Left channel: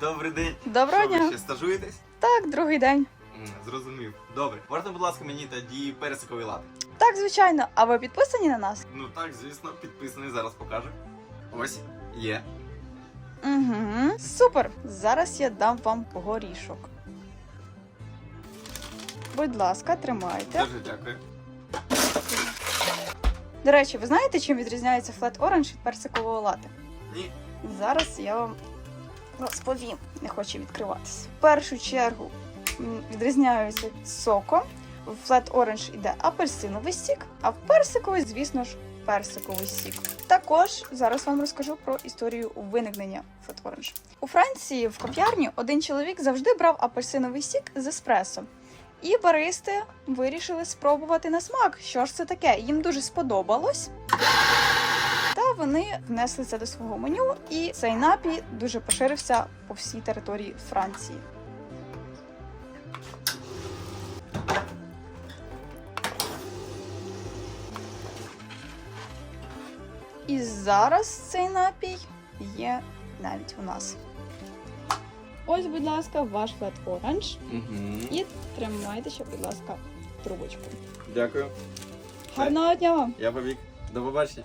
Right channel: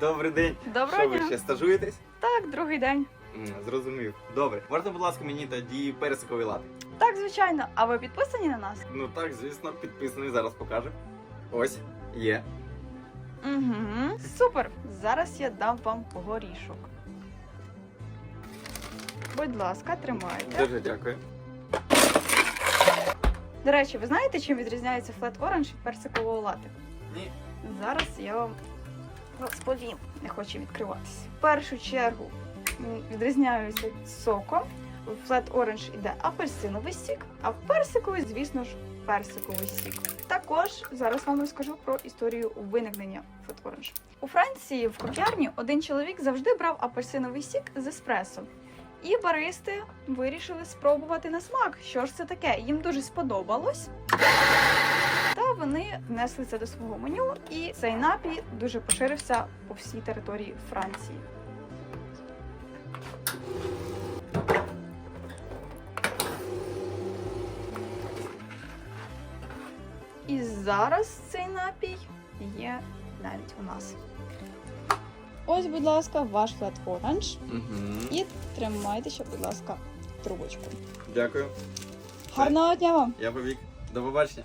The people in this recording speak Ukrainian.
Добрий день. Доброго Що ви ще стажуєтесь? Так, другий день. М, Зрозумів. Добре. Можете, будь ласка, мені тоді персиковий лати. Так, звичайно. А ви підписані на нас? Ну так, звісно, підписаний, зараз покажу. Ось, є. Угу. Супер. Зараз я дам вам горішок. Будь ласка, тримайте. Дуже дякую. До речі, ви знаєте, чим відрізняється Flat Orange від персикового лати? Ні. Зараз я вам розповім. Не хочу відкриватися. В першу чергу м, відрізняються соком. В Flat Orange іде апельсиновий сік, а в персиковий, звісно ж, персиковий сік. Також зараз вам розкажу про історію виникнення Flat Orange. У Франції в кав'ярні один чоловік завжди брав апельсиновий сік з еспресо. І баристи вирішили спробувати на смак, що ж це таке. Їм дуже сподобалось. Вони внесли це до свого меню, і цей напій дуже поширився по всій території Франції. І зараз цей напій є навіть у нас. Ось, будь ласка, ваш флет оранж. Угу. І тримайте ще, будь ласка, трубочку. Дякую. Гарного дня вам! Я побіг. До побачення.